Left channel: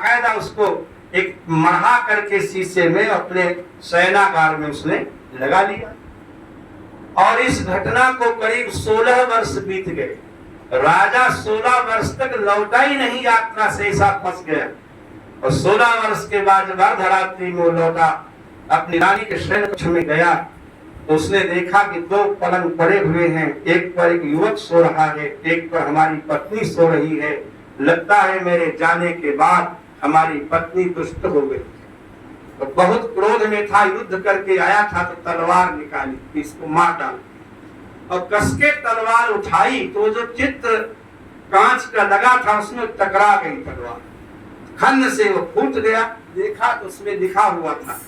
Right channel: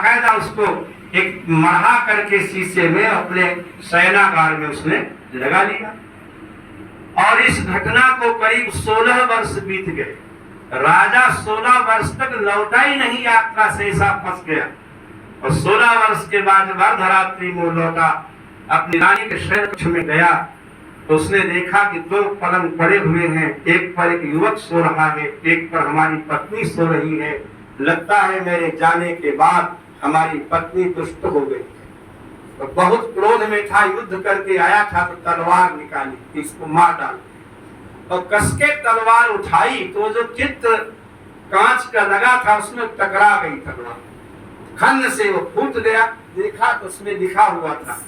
बाकायदा उसको एक मढ़ा करके शीशे में अपने शयनागार में उसने लगा लिया। और इस घटना को करीब 16 वर्ष बीत गए। राजा 16 वर्ष तक लौटा ही नहीं यात्रा से, ऐसा फंस गया। और 16 वर्ष के बाद अर्धरात्रि में लौटा, अपनी रानी के शयन कक्ष में गया तो उसने देखा कि 2 पलंग पड़े हुए हैं, एक पर एक युवक सो रहा है, एक पर हमारी पत्नी सो रही है। लगता है मेरे जाने के बाद हमारी पत्नी दुष्ट हो गई। तो बहुत क्रोध में था, युद्ध करके आया था तो तलवार निकाली, इसको मार डाल। और कसके तलवार उठाई तो जो चित्र कांच का लगा था उसमें टकरा गई तलवार, खन्न से वो फूट गया। देखा तो उसमें लिखा हुआ था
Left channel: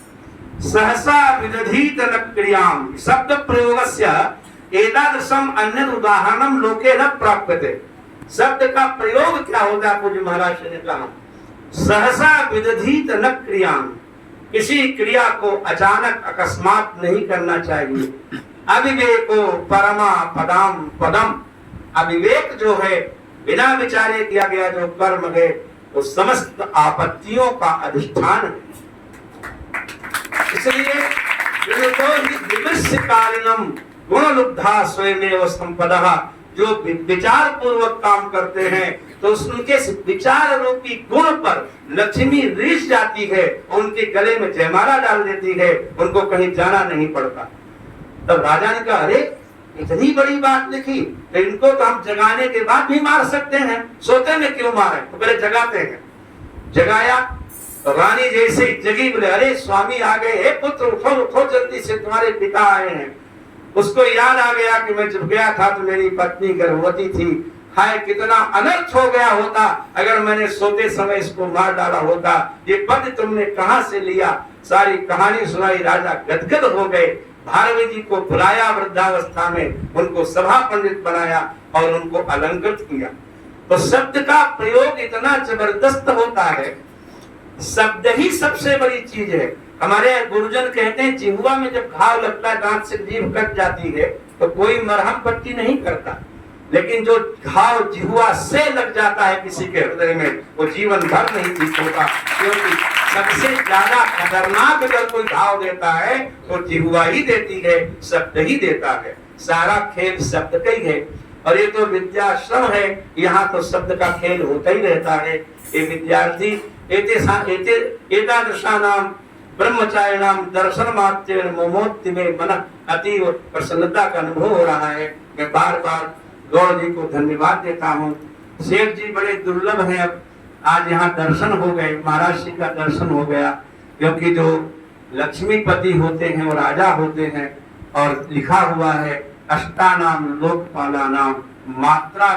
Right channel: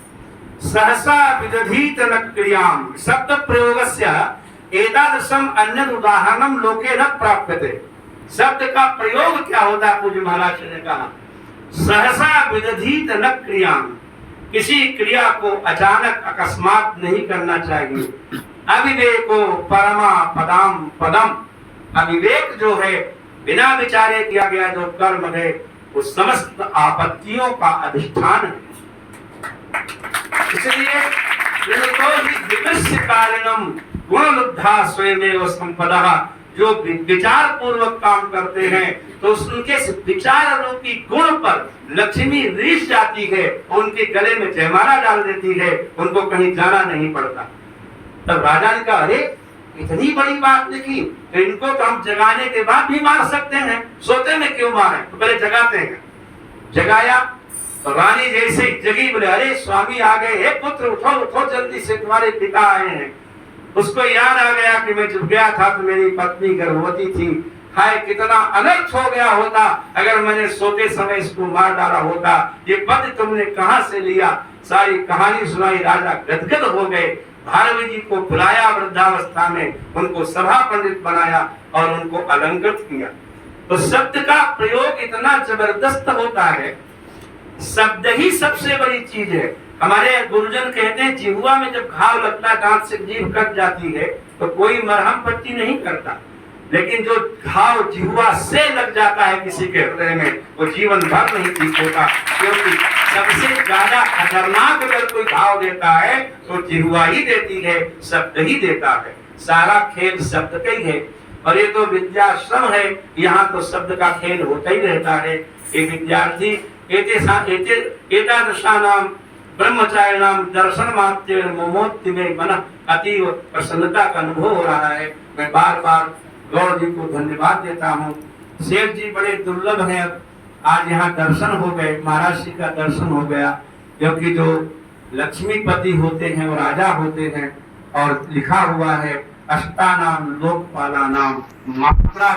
सहसा विदधीत न क्रियाम शब्द प्रयोगस्य एतादृशम अन्य उदाहरणम लोके न प्राप्यते। शब्द का प्रयोग क्या होता है? पूज्य महाराज ने कहा सहसा विदधीत न क्रियाम, किसी क्रिया को अचानक अकस्मात नहीं करना चाहिए। अविवेको परमा पदम पदम, अविवेक जो है बिना विचारे किया गया जो कर्म है वो समस्त आपत्तियों का अधिष्ठान है। इसलिए गुणलुब्धा स्वयमेव संपदः, जो विचार पूर्वक काम करते हैं तो उनके विचार रूपी गुण पर लक्ष्मी रीस जाती है, उनके गले में जयमाला डाल देती है, उनको कहीं जाना नहीं पड़ता। तब राजा ने कहा अरे इतनी बड़ी बात लिखी तो इनको तो हम जगाने के बाद भी मार सकते हैं, सोते में क्यों मारे? तो पहले जगाते हैं। जगाया तो रानी जैसे जगी, बोले अरे स्वामी आ गए, हे पुत्र उठो उठो जल्दी से, तुम्हारे पिता आए हैं। उसको याद आ गया कि मैं जब गया था तो मेरी पत्नी गर्भवती थी, हाय कितना अनर्थ हो गया होता अगर मैंने सोते समय इसको मार डाला होता। ये पद तुमने कहां से लिया? सारी कहानी सुनाई। राजा गदगद हो गए, भारवी जी को बुलाया वृद्धावस्था में, उनको सभा पंडित बनाया और उनको अलंकृत किया। तो शब्द का प्रयोग इतना जबरदस्त होता है, शब्द ही सबसे बड़ी चीज है। हमारे गुरुजन कहते हैं जिह्वा में जब घाव लगता है, दांत से जीभ कट जाती है तो कोई मरहम पट्टी नहीं करता, लेकिन जो घाव जिह्वा से लग जाता है किसी के हृदय में वो जीवन भर नहीं ठीक होता। क्योंकि सबसे ज्यादा खतरनाक अगर कोई घाव देता है तो जिह्वा ही देती है, शब्द ही देता है। सारा खेल शब्द का ही है। और ये तो विद्याश्रम है, यहाँ तो शब्द का खेल होता ही रहता है। ये विद्यार्थी एतादृशानाम ब्रह्मचारिणाम दर्शन मात्रेण मोमोत्ति में मन अतीव प्रसन्नता का अनुभव हो रहा है। मैं बार बार गौर जी को धन्यवाद देता हूँ। शेख जी बड़े दुर्लभ हैं। अब आज यहाँ दर्शन हो गए, महाराज जी का दर्शन हो गया, क्योंकि जो लक्ष्मीपति होते हैं वो राजा होते हैं। और लिखा हुआ है अष्टानाम लोकपालानाम मात्रा,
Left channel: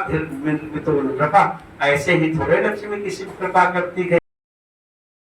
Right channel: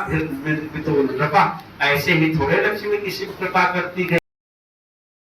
ऐसे ही थोड़े लक्ष्मी किसी कृपा करती है।